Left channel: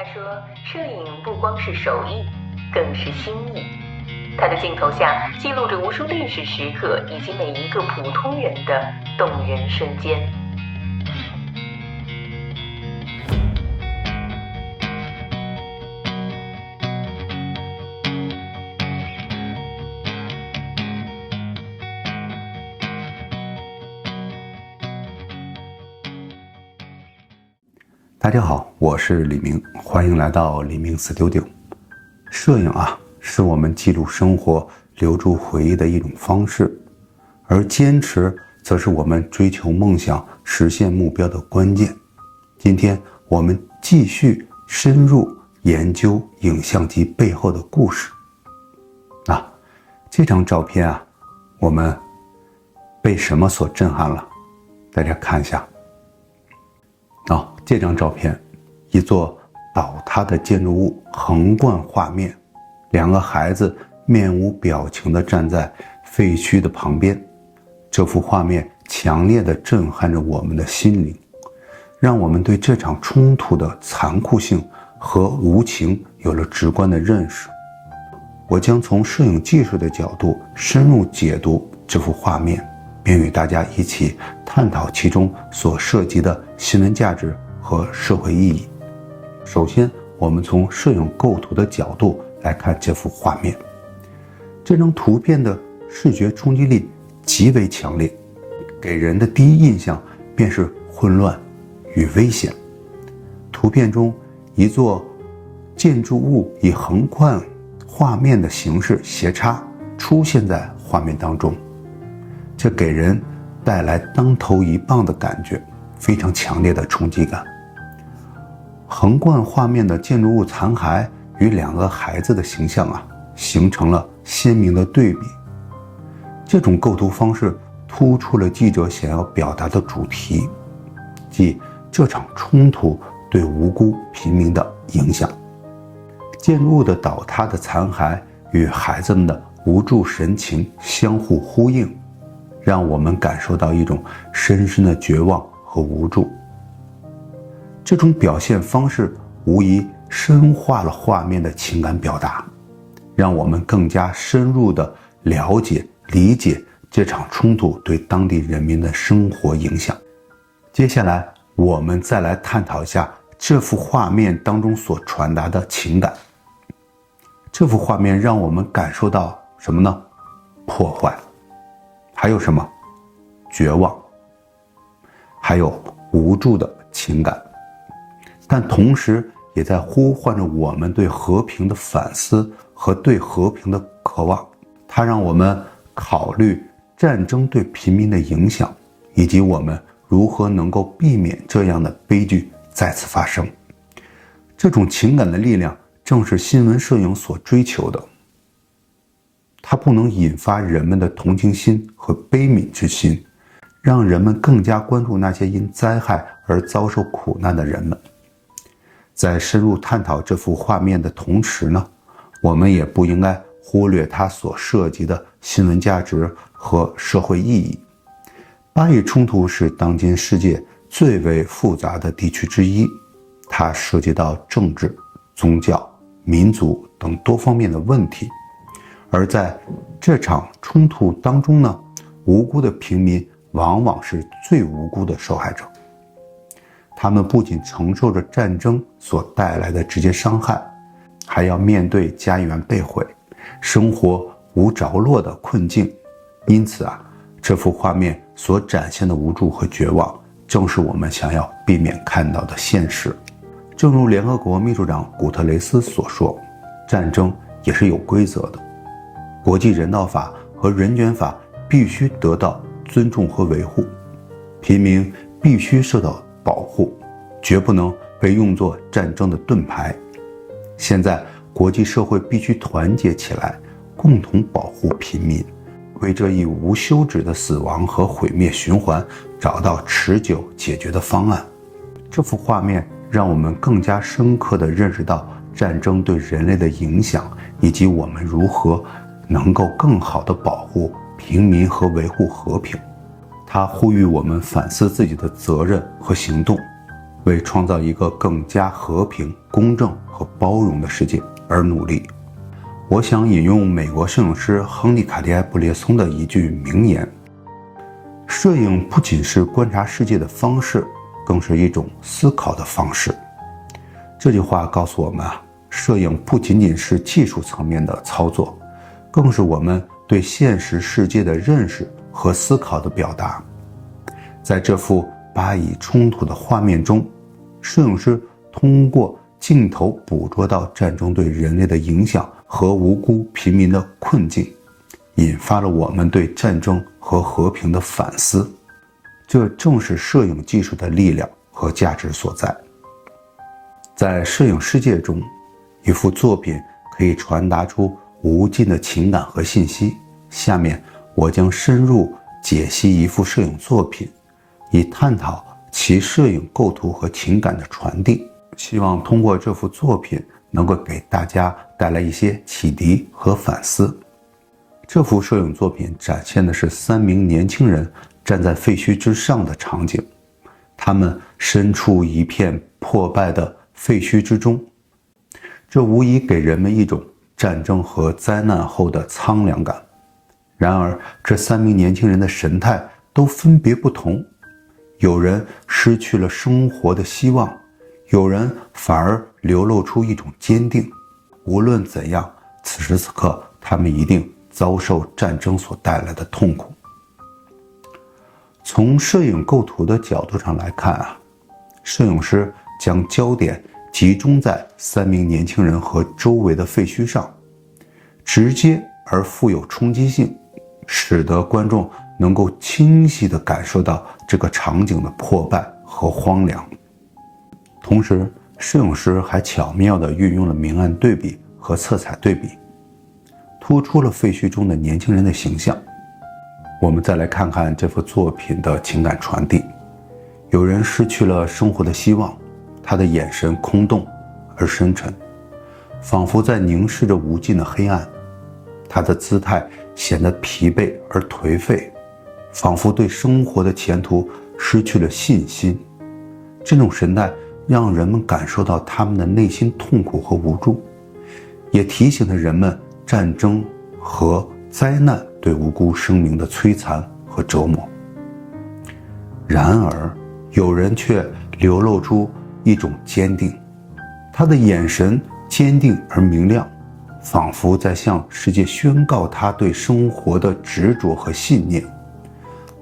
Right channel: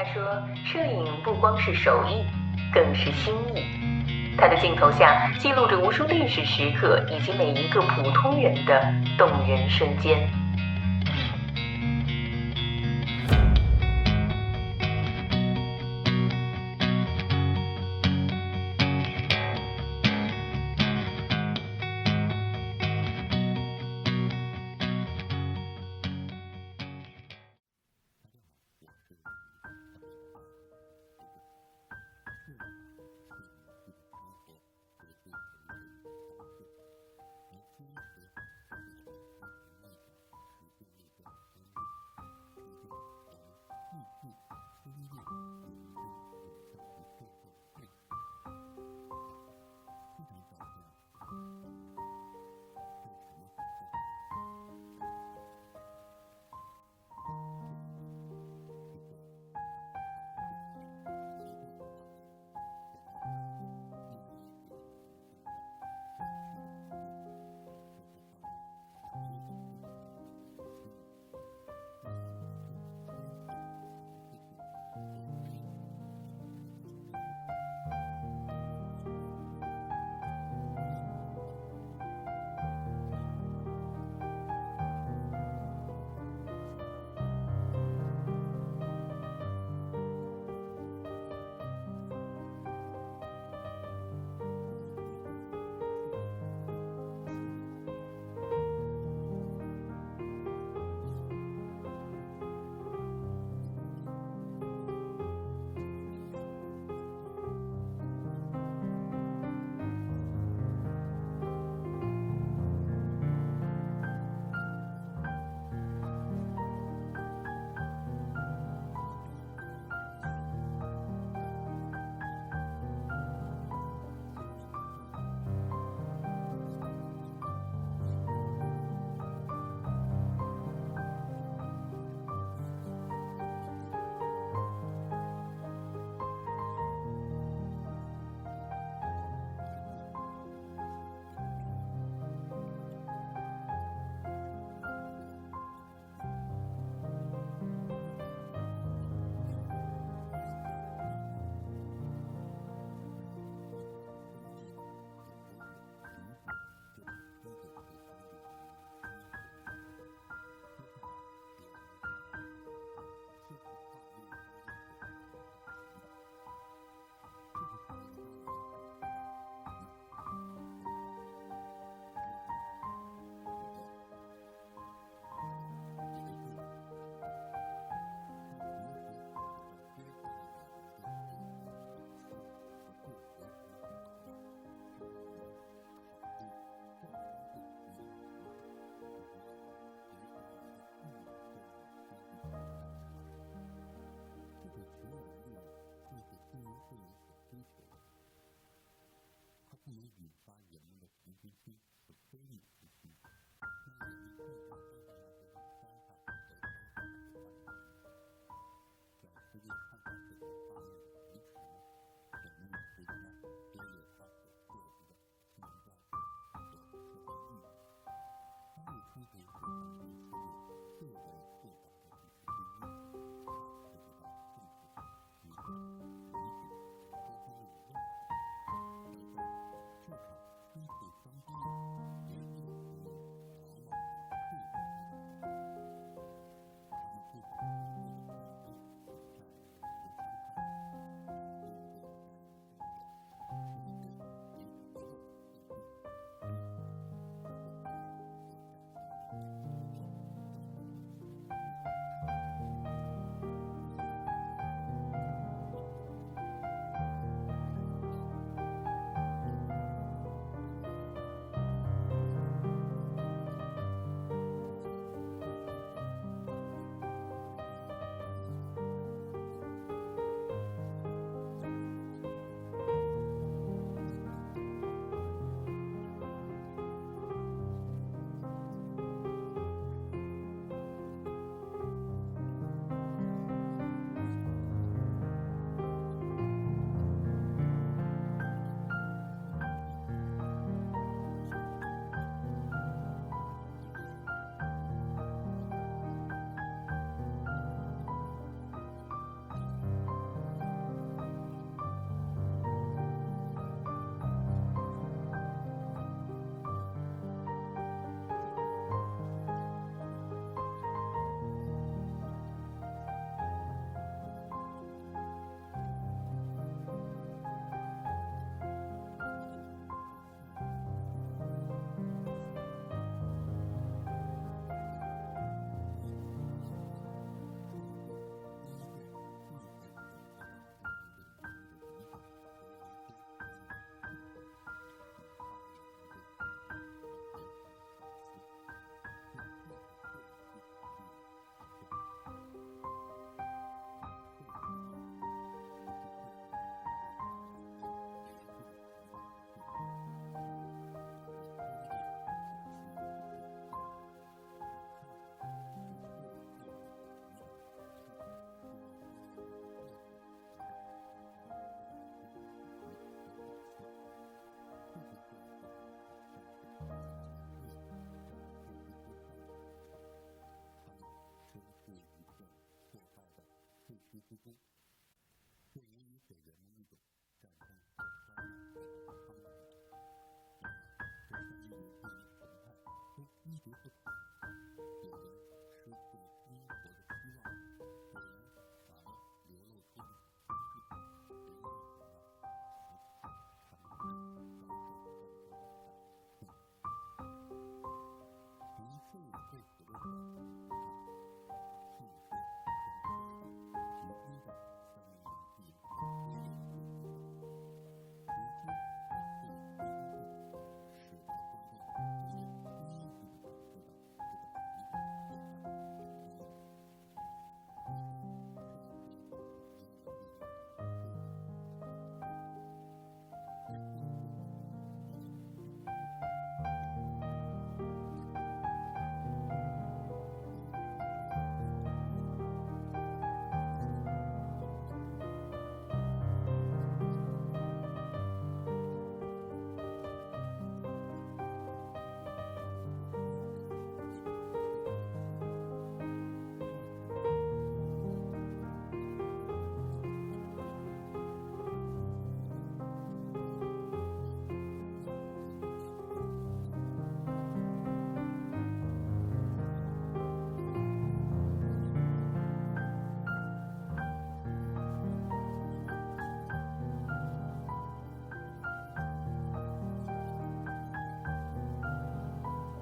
他说，摄影不光是手艺，更是心意。他的镜头下记录着无数历史时刻以及每一个普通人的动人瞬间。大家好，我是李明，欢迎来到李明 Studio。摄影是我们记录生活、留住回忆的一种方式，而坚持则是我们追求梦想、实现目标的关键。今天我们继续深入研究影像机背后的故事。这张照片我们被什么所震撼了？大家看一下。这张照片，一座倒塌的建筑物横贯画面，两个孩子面无表情地站在废墟的旁边。这幅画面强烈地震撼着我们的心灵，让我们对这场冲突的残酷性和无情有了直观的认识。我将从摄影技术的角度深入解读这幅画面，并与大家一起探讨其中所涉及的新闻价值和社会意义。首先，我们从摄影构图的角度来看这幅画面。这张图片的视觉冲击力极为强烈，给人的第一印象便是混乱与危险。图片中，一座建筑物以横贯画面的形式斜插出现在画面当中，这给人带来当头一棒的感觉，非常强烈的冲击感。横贯画面的建筑物残骸与两个孩子的形象形成了鲜明的对比。这种构图方式突出了记者想要表达的主题，即这场冲突对无辜平民的影响。建筑物的倒塌的残骸与孩子们的无助神情相互呼应，让我们感受到一种深深的绝望和无助。这种表现方式无疑深化了画面的情感表达，让我们更加深入地了解、理解这场冲突对当地人民的生活影响。接下来，我们再来探讨一下这幅画面当中所传达的情感。这幅画面让我们感受到什么呢？破坏，还有什么？绝望，还有无助的情感。但同时也在呼唤着我们对和平的反思和对和平的渴望。它让我们考虑战争对平民的影响，以及我们如何能够避免这样的悲剧再次发生。这种情感的力量正是新闻摄影所追求的。它不能引发人们的同情心和悲悯之心，让人们更加关注那些因灾害而遭受苦难的人们。在深入探讨这幅画面的同时呢，我们也不应该忽略它所涉及的新闻价值和社会意义。巴以冲突是当今世界最为复杂的地区之一，它涉及到政治、宗教、民族等多方面的问题。而在这场冲突当中呢，无辜的平民往往是最无辜的受害者。他们不仅承受着战争所带来的直接伤害，还要面对家园被毁、生活无着落的困境。因此这幅画面所展现的无助和绝望，正是我们想要避免看到的现实。正如联合国秘书长古特雷斯所说，战争也是有规则的，国际人道法和人权法必须得到尊重和维护，平民必须受到保护，绝不能被用作战争的盾牌。现在国际社会必须团结起来，共同保护平民，为这一无休止的死亡和毁灭循环找到持久解决的方案。这幅画面让我们更加深刻地认识到战争对人类的影响，以及我们如何能够更好地保护平民和维护和平。它呼吁我们反思自己的责任和行动，为创造一个更加和平、公正和包容的世界而努力。我想引用美国摄影师亨利·卡迪埃·布列松的一句名言：摄影不仅是观察世界的方式，更是一种思考的方式。这句话告诉我们摄影不仅仅是技术层面的操作，更是我们对现实世界的认识和思考的表达。在这幅巴以冲突的画面中，摄影师通过镜头捕捉到战争对人类的影响和无辜平民的困境，引发了我们对战争和和平的反思。这正是摄影技术的力量和价值所在。在摄影世界中，一幅作品可以传达出无尽的情感和信息。下面我将深入解析一幅摄影作品，以探讨其摄影构图和情感的传递。希望通过这幅作品能够给大家带来一些启迪和反思。这幅摄影作品展现的是3名年轻人站在废墟之上的场景，他们身处一片破败的废墟之中，这无疑给人们一种战争和灾难后的苍凉感。然而，这3名年轻人的神态都分别不同，有人失去了生活的希望，有人反而流露出一种坚定。无论怎样，此时此刻他们一定遭受战争所带来的痛苦。从摄影构图的角度上来看摄影师将焦点集中在3名年轻人和周围的废墟上，直接而富有冲击性，使得观众能够清晰地感受到这个场景的破败和荒凉。同时，摄影师还巧妙地运用了明暗对比和色彩对比，突出了废墟中的年轻人的形象。我们再来看看这幅作品的情感传递。有人失去了生活的希望，他的眼神空洞而深沉，仿佛在凝视着无尽的黑暗。他的姿态显得疲惫而颓废，仿佛对生活的前途失去了信心。这种神态让人们感受到他们的内心痛苦和无助，也提醒了人们战争和灾难对无辜生命的摧残和折磨。然而，有人却流露出一种坚定，他的眼神坚定而明亮，仿佛在向世界宣告他对生活的执着和信念。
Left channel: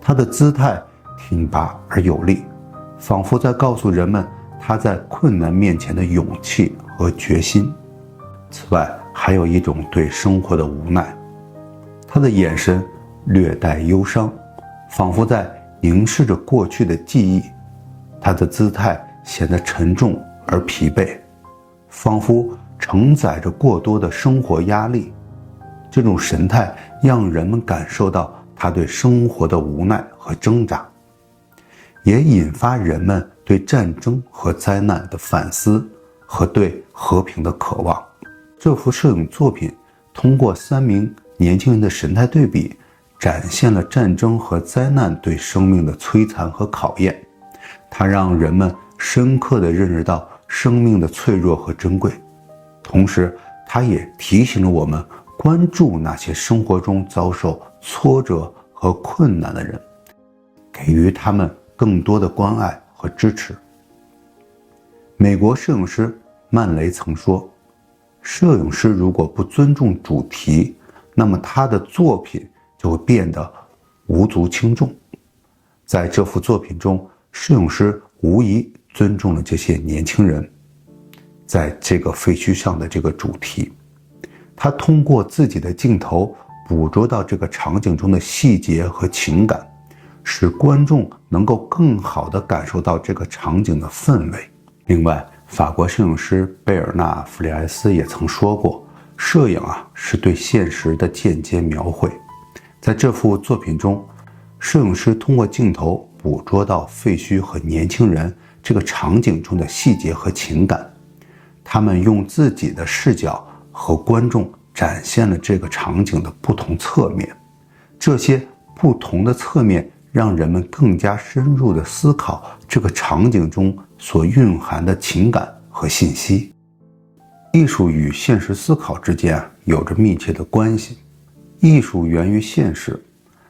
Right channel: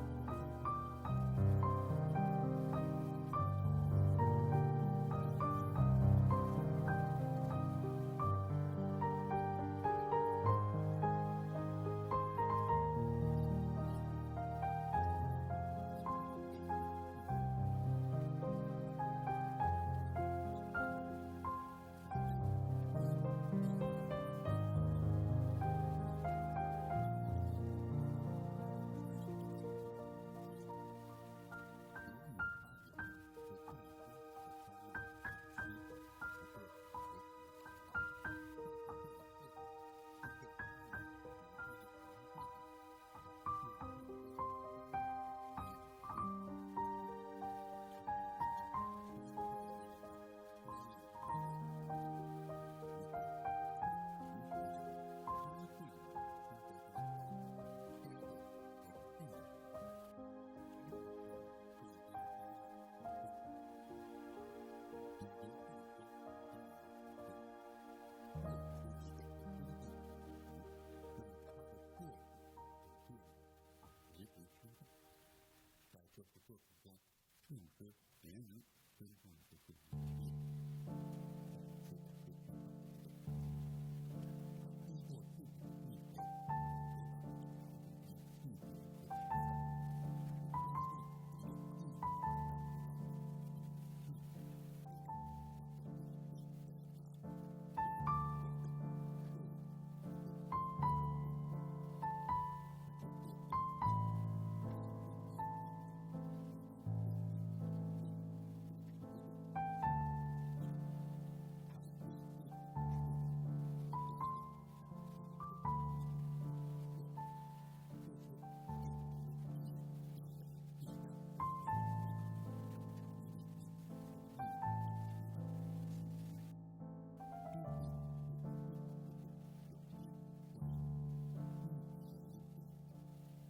他的姿态挺拔而有力，仿佛在告诉人们他在困难面前的勇气和决心。此外，还有一种对生活的无奈，他的眼神略带忧伤，仿佛在凝视着过去的记忆。他的姿态显得沉重而疲惫，仿佛承载着过多的生活压力。这种神态让人们感受到他对生活的无奈和挣扎，也引发人们对战争和灾难的反思和对和平的渴望。这幅摄影作品通过3名年轻人的神态对比，展现了战争和灾难对生命的摧残和考验。它让人们深刻地认识到生命的脆弱和珍贵，同时它也提醒了我们关注那些生活中遭受挫折和困难的人，给予他们更多的关爱和支持。美国摄影师曼雷曾说，摄影师如果不尊重主题，那么他的作品就会变得无足轻重。在这幅作品中，摄影师无疑尊重了这些年轻人在这个废墟上的这个主题。他通过自己的镜头捕捉到这个场景中的细节和情感，使观众能够更好地感受到这个场景的氛围。另外，法国摄影师贝尔纳·弗里埃斯也曾说过，摄影是对现实的间接描绘。在这幅作品中，摄影师通过镜头捕捉到废墟和年轻人这个场景中的细节和情感，他们用自己的视角和观众展现了这个场景的不同侧面。这些不同的侧面让人们更加深入地思考这个场景中所蕴含的情感和信息。艺术与现实思考之间有着密切的关系。艺术源于现实，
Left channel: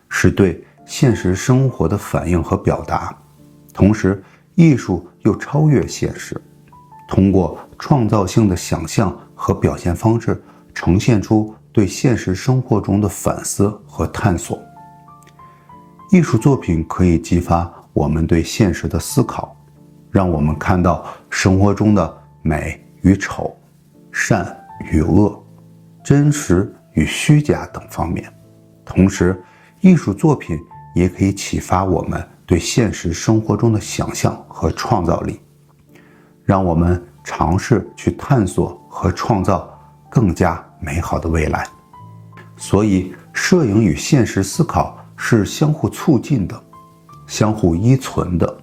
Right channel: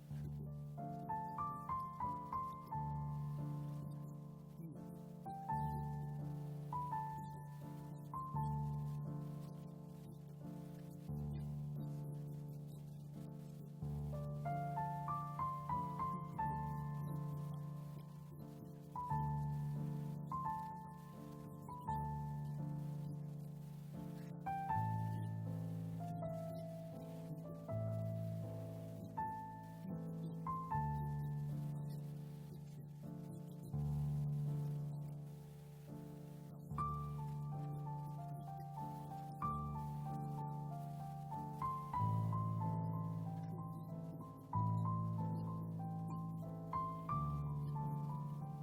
是对现实生活的反应和表达，同时艺术又超越现实，通过创造性的想象和表现方式，呈现出对现实生活中的反思和探索。艺术作品可以激发我们对现实的思考，让我们看到生活中的美与丑、善与恶、真实与虚假等方面。同时，艺术作品也可以启发我们对现实生活中的想象和创造力，让我们尝试去探索和创造更加美好的未来。所以，摄影与现实思考是相互促进的，相互依存的。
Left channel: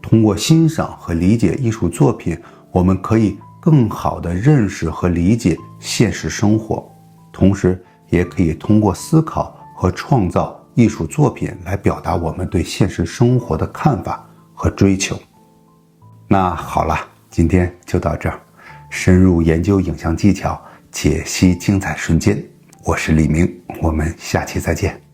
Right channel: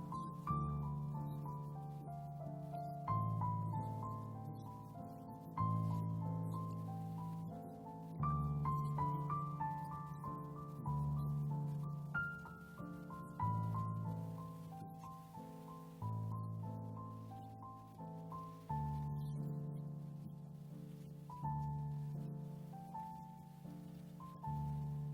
通过欣赏和理解艺术作品，我们可以更好地认识和理解现实生活，同时也可以通过思考和创造艺术作品来表达我们对现实生活的看法和追求。那好了，今天就到这儿。深入研究影像技巧，解析精彩瞬间，我是李明，我们下期再见。